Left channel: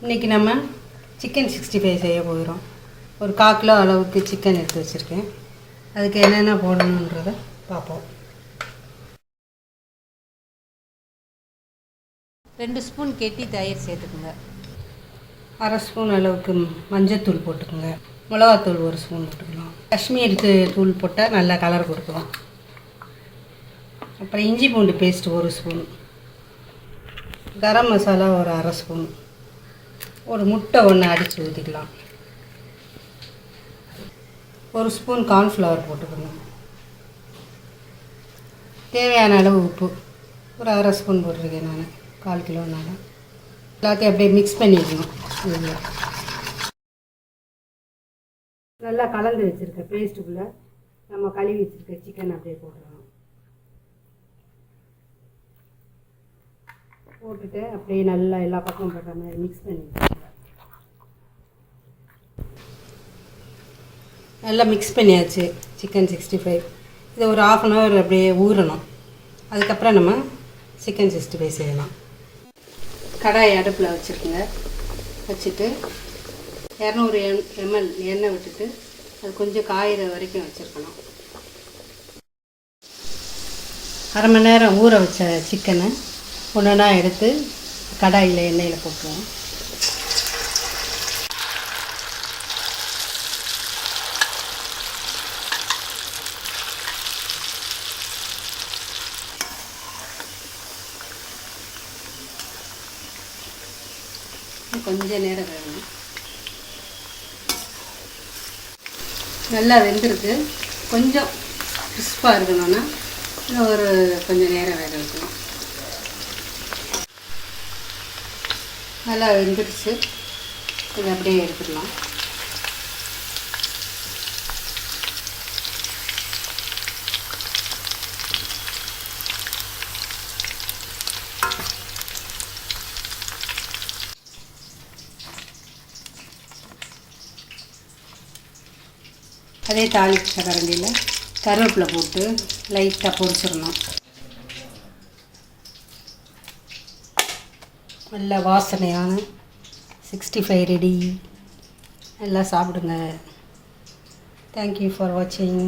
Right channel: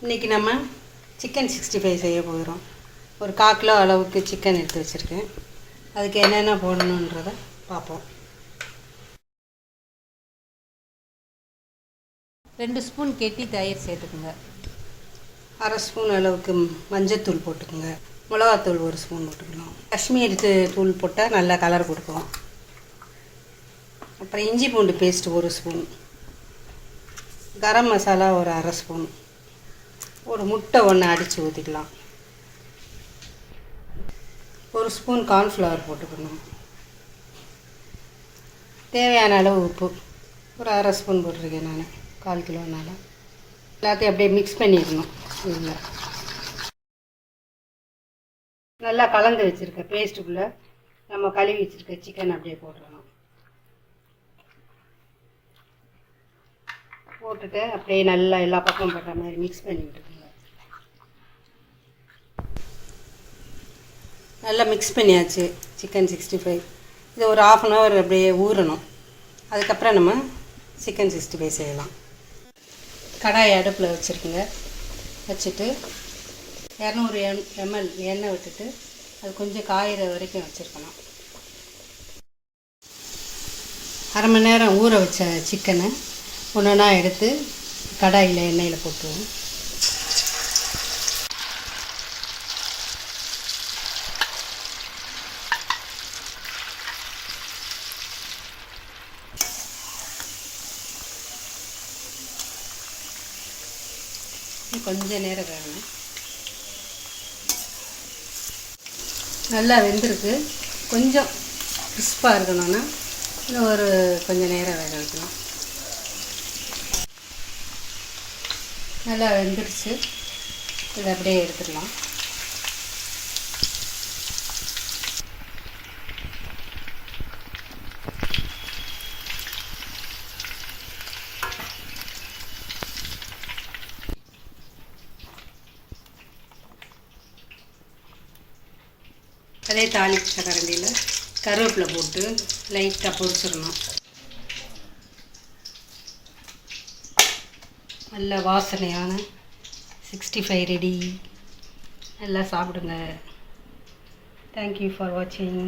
இன்றைக்கி நம்ம சிக்கன் 65 செய்ய போகிறோம். ஒரு 1/4 கிலோ அளவுக்கு சிக்கன் எடுத்து வச்சுருக்கேன். அதுக்கு என்னென்ன போடணுன்றதை பார்ப்போம். 2 ஸ்பூன் கெட்டி தயிர் சேர்த்துக்குங்க. 1/2 ஸ்பூன் அளவுக்கு மஞ்சத்தூள் போட்டுக்கோங்க. மிளகாத்தூள் 1 ஸ்பூன் போட்டுக்கலாம். காஷ்மீர் தூள் போட்டால் நல்லா கலர் கொடுக்கும். அப்புறம் இஞ்சி பூண்டு பேஸ்ட் 1 ஸ்பூன், கரம் மசாலா ஒரு 1/2 ஸ்பூன், ஒரு முட்டை ஒன்று அடித்து ஊற்றிக்கலாம். 1 ஸ்பூன் கார்ன்ஃப்ளவர் போட்டுக்கணும். தேவையான அளவு உப்பு ஒரு 1/2 ஸ்பூன் போட்டிருக்கேன் நான், 1/4 கிலோனால. எல்லாத்தையும் அப்படியே மிக்ஸ் பண்ணிக்கணும். நல்லா கலந்து வச்சுருக்க பேஸ்ட்டுக்குள்ளே நம்ம கழுவி வச்சுருக்க சிக்கன் அப்படியே போட்டுடலாம். போட்டுட்டு அப்படியே நல்லா எல்லா பக்கம் போட்ட மாதிரி மிக்ஸ் பண்ணி விட்டுருங்க. நல்லா மிக்ஸ் பண்ணியாச்சு சிக்கன் 65. இதை ஒரு 1/2 அன் ஹவர் அப்படியே ஊறணும். அதுக்கப்புறம் நம்ம சிக்கன் 65 செய்யலாம். கடாய் அடுப்பில் வச்சுருக்குங்க. வச்சுட்டு 200 ml எண்ணெய் விட்டுட்டு அது கொஞ்சம் காயிற வரைக்கும் வச்சுருக்கணும். 1/2 மணி நேரம் ஊற வச்ச சிக்கனை ஒன்றா எடுத்து கடாயில் எண்ணெயில் போட்டுருவோம். கொஞ்சம் நேரம் வேணும். நல்லா வெந்திருக்கு. கொஞ்சம் கிறிஸ்பாக இருக்கணும்னா ஒரு கொஞ்சம் நேரம் வேக வைக்கணும். நல்லா வெந்துடுச்சு. இதை அப்படியே எடுத்துடலாம். அதே தாளிச்ச கரண்டியில் கருவேப்பிலை போட்டு லைட்டாக பொரிச்சிடணும். நல்ல வாசனையான 65 ரெடி. நல்லா சாப்பிடுங்க. தேங்க்யூ ஃபார் வாட்சிங்.